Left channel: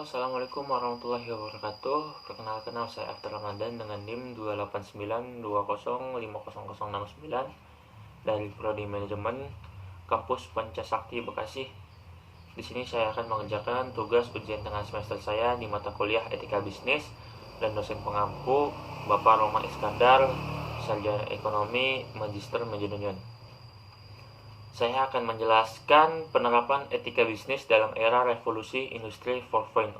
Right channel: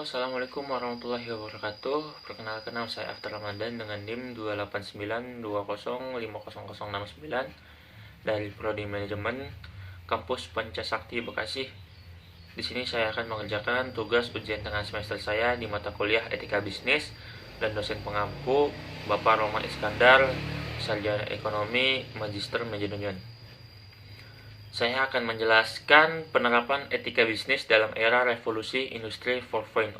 Halo, Assalamualaikum warahmatullahi wabarakatuh. Perkenalkan, nama saya After Ramadan dengan NIM 28920500069 dari Prodi Manajemen Kampus Pancasakti Bekasi. Di sini saya akan mengerjakan tugas ujian tengah semester saya di mata kuliah Etika Bisnis dan dosen pengampu Bapak Roman Iskandar, Sarjana Ekonomi, Magister Manajemen. Saya akan menjelaskan penerapan etika bisnis dalam era revolusi industri 4.0.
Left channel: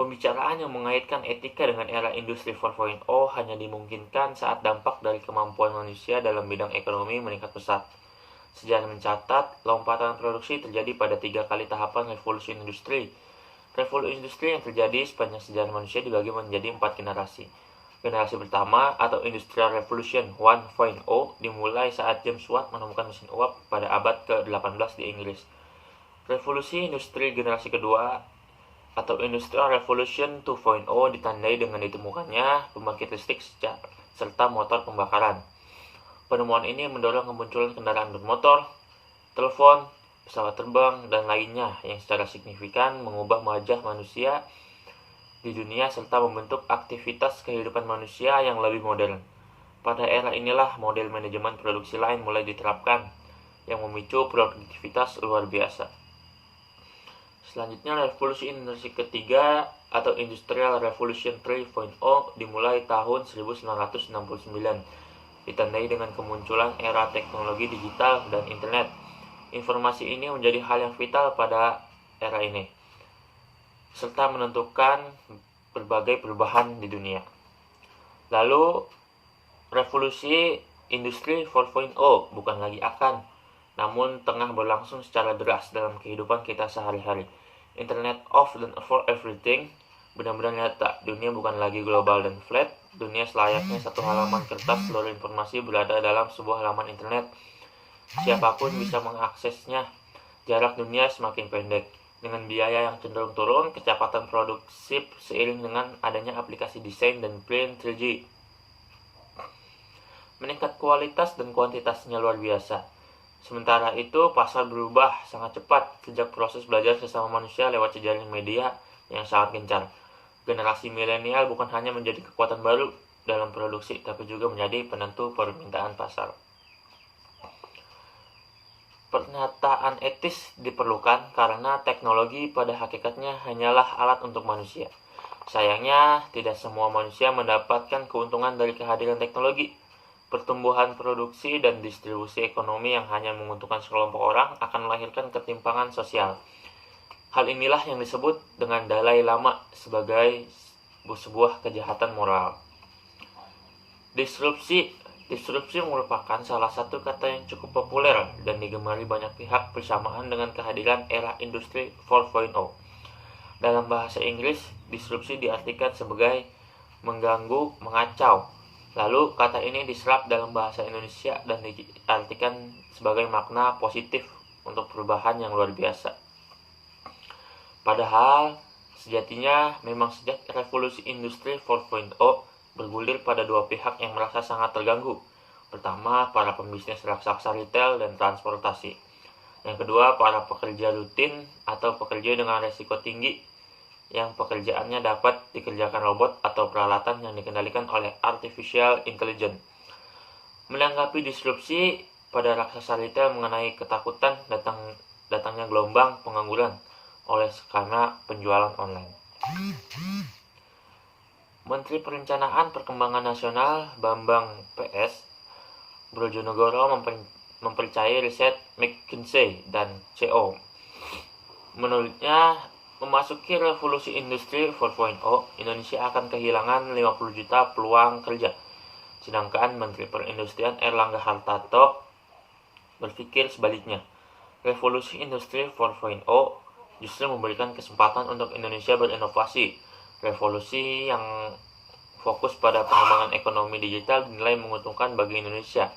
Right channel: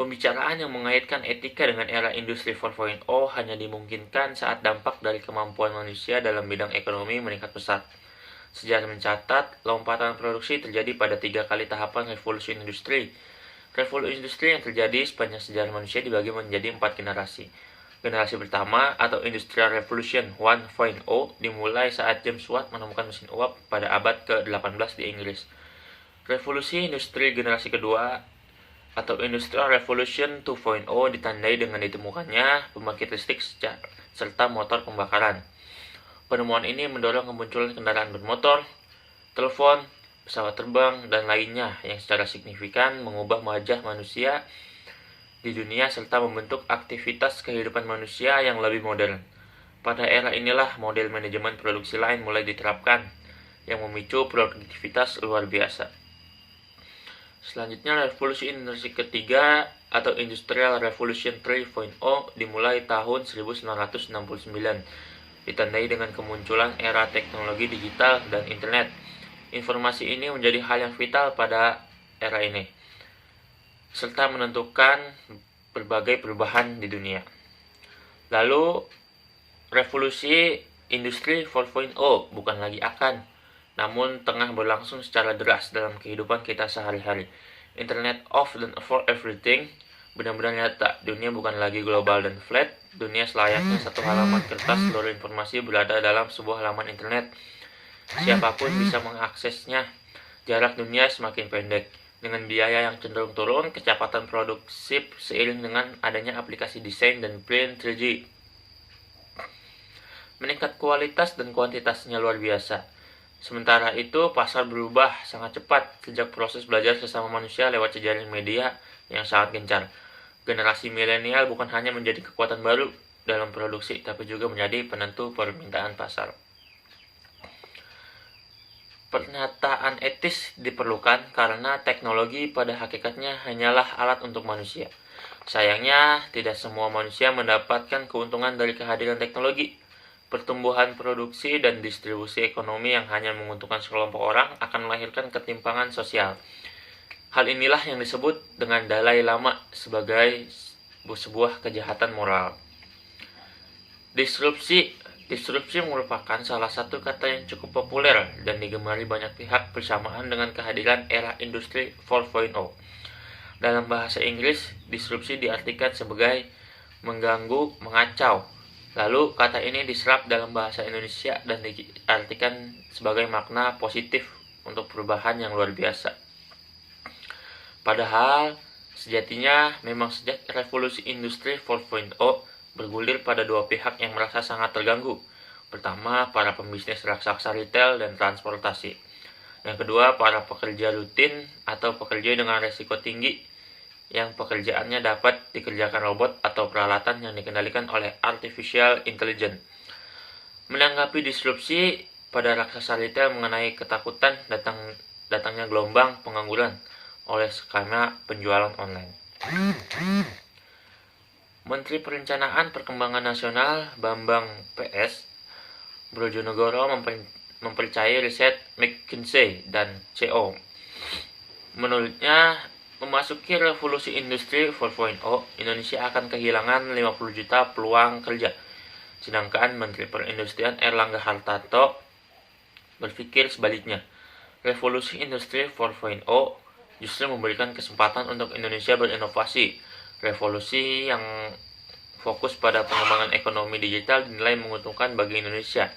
Pembicaraan yang mengaitkan etika dengan era industri 4.0 hanya dimungkinkan saat dampak dari kemampuan manusia dalam bidang ekonomi meningkat pesat. Sejarah mencatat, lompatan produksi terjadi pada 3 kali tahapan revolusi industri. Revolusi industri yang terjadi sepanjang sejarah manusia dibagi menjadi 4 generasi. Generasi pertama atau Industrial Revolution 1.0 dimulai saat James Watt menemukan mesin uap pada abad ke-18 di Inggris. Revolusi industri generasi kedua atau Industrial Revolution 2.0 ditandai dengan ditemukannya pembangkit listrik serta motor pembakaran. Penemuan ini mendorong kemunculan kendaraan bermotor, telepon, pesawat terbang, dan lainnya yang secara signifikan mengubah wajah manusia di dunia serta membentuk aktivitas kehidupan manusia yang lebih modern. Pada era inilah model manajemen produksi lain mulai diterapkan yang memicu produktivitas luar biasa. Selanjutnya, revolusi industri ketiga atau Industrial Revolution 3.0 dimulai tahun 1969, ditandai dengan kemunculan era teknologi digital dan internet. Informasi ini menjadi hal yang vital pada era ini, serta menentukan berbagai perubahan di dunia. Lalu, revolusi industri 4.0 bukan lagi akan, namun tengah berlangsung secara deras dalam kehidupan kita sehari-hari. Internet of and for everything benar-benar nyata. Dunia bukan lagi global dan flat. Dunia selayaknya satu halaman kertas, seluruh informasi berada dalam sebuah halaman internet. Siapapun bisa mengaksesnya. Jarak dunia semakin pendek. Dengan biaya yang cenderung turun, kecepatan produksi seiring dengan adanya aplikasi desain dan print 3D. Meningkat kualitas dan kuantitasnya luar biasa. Sementara itu, pasar berubah sangat cepat sejak proses belajar sesama manusia lewat jejaring media yang sangat gencar. Generasi milenial bukan hanya menjadi kekuatan baru dalam produksi, tapi juga menjadi penentu permintaan pasar. Pernyataan etis diperlukan karena teknologi pada hakikatnya hanyalah alat untuk manusia. Sayangnya, tidak semua manusia mendapatkan keuntungan dari kehadiran teknologi. Pertumbuhan produksi dan distribusi ekonomi yang hanya menguntungkan sekelompok orang akan melahirkan ketimpangan sosial. Hal inilah yang disebut dengan Dalai Lama sebagai sebuah kejahatan moral. Disrupsi merupakan salah satu kata yang cukup populer dan digemari banyak pihak bersamaan dengan kehadiran era industri 4.0. Dalam bahasa Inggris, disrupsi diartikan sebagai mengganggu, mengacau. Lalu, kata ini diserap dalam bahasa Indonesia dan diartikan sebagai makna positif untuk perubahan yang luar biasa. Padahal, sejatinya memang sejak revolusi industri 4.0 bergulir pada dua pihak yang merasa sangat terganggu. Pertama, para pembisnis raksasa retail dan transportasi. Yang kedua, para pekerja rutin atau pekerja dengan resiko tinggi yang pekerjaannya dapat dikerjakan robot atau peralatan yang dikendalikan oleh artificial intelligence. Menanggapi disrupsi pada raksasa retail mengenai ketakutan datangnya gelombang pengangguran oleh skema penjualan online. Menteri Perencanaan Perkembangan Nasional Bambang PS Brojonegoro mempercayai riset McKinsey dan CO. Menurutnya, memasuki revolusi industri 4.0, Indonesia akan kehilangan 50 juta peluang kerja. Sedangkan Menteri Perindustrian Erlangga Hartarto berpikir sebaliknya. Revolusi industri 4.0 justru memberikan kesempatan untuk Indonesia berinovasi. Revolusi yang fokus pada pengembangan ekonomi digital dinilai menguntungkan bagi Indonesia.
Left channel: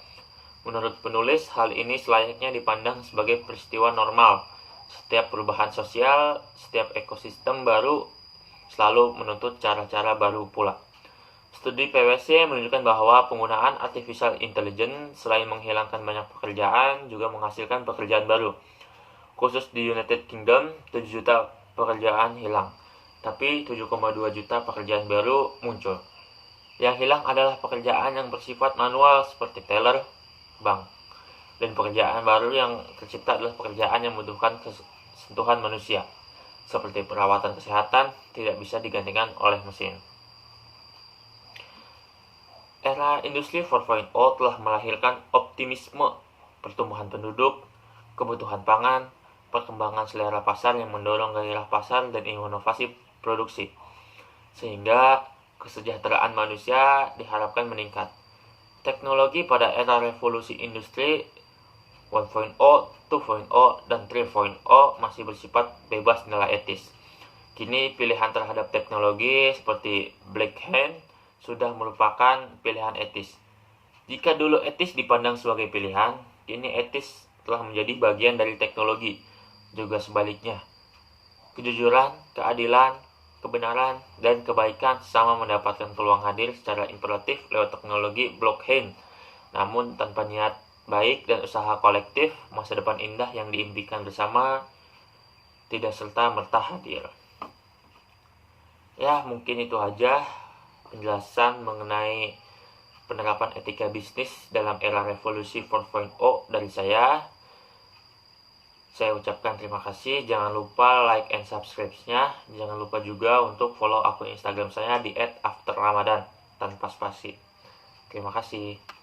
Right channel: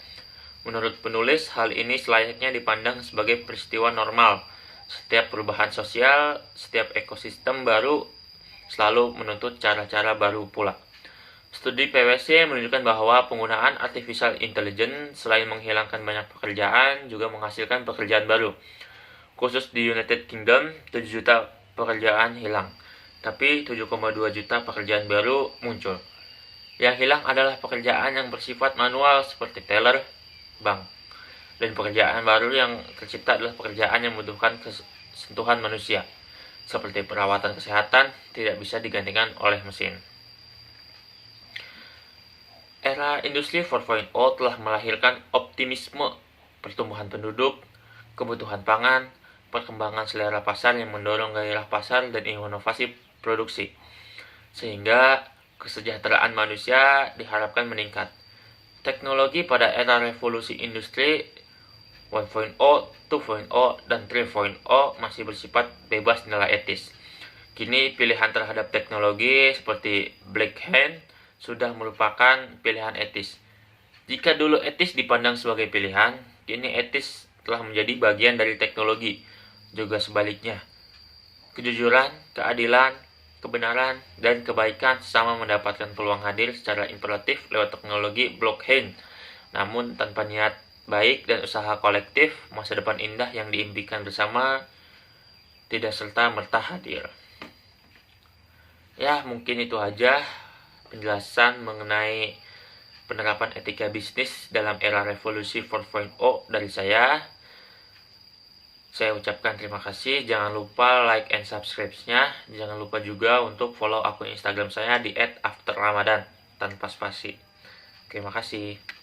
Menurut penulis, hal ini selayaknya dipandang sebagai peristiwa normal. Setiap perubahan sosial, setiap ekosistem baru selalu menuntut cara-cara baru pula. Studi PwC menunjukkan bahwa penggunaan artificial intelligence selain menghilangkan banyak pekerjaan, juga menghasilkan pekerjaan baru. Khusus di United Kingdom, 7 juta pekerjaan hilang, tapi 7,2 juta pekerjaan baru muncul. Yang hilang adalah pekerjaan yang bersifat manual seperti teller, bank. Dan pekerjaan baru yang tercipta adalah pekerjaan yang membutuhkan sentuhan manusia, seperti perawatan kesehatan tidak bisa digantikan oleh mesin. Era industri 4.0 telah melahirkan optimisme, pertumbuhan penduduk, kebutuhan pangan, perkembangan selera pasar yang mendorong gairah pasar dan inovasi produksi, sehingga kesejahteraan manusia diharapkan meningkat. Teknologi pada era revolusi industri 1.0, 2.0, dan 3.0 masih bersifat bebas nilai etis. Kini pilihan terhadap teknologi seperti Black Hand sudah merupakan pilihan etis. Jika dulu etis dipandang sebagai pilihan, kini etis telah menjadi bagian dari teknologi. Juga sebaliknya, kejujuran, keadilan, kebenaran, dan kebaikan sama mendapatkan peluang hadir secara imperatif lewat teknologi blockchain. Namun tanpa niat baik dan usaha kolektif, masa depan indah yang diimpikan bersama tidak serta-merta hadir. Ya, mungkin itu aja penjelasan mengenai penerapan etika bisnis dalam era revolusi 4.0 dari saya. Saya ucapkan terima kasih. Jangan lupa like and subscribe-nya. Jangan lupa juga untuk follow akun Instagram saya di @afterramadan tanpa spasi. Terima kasih.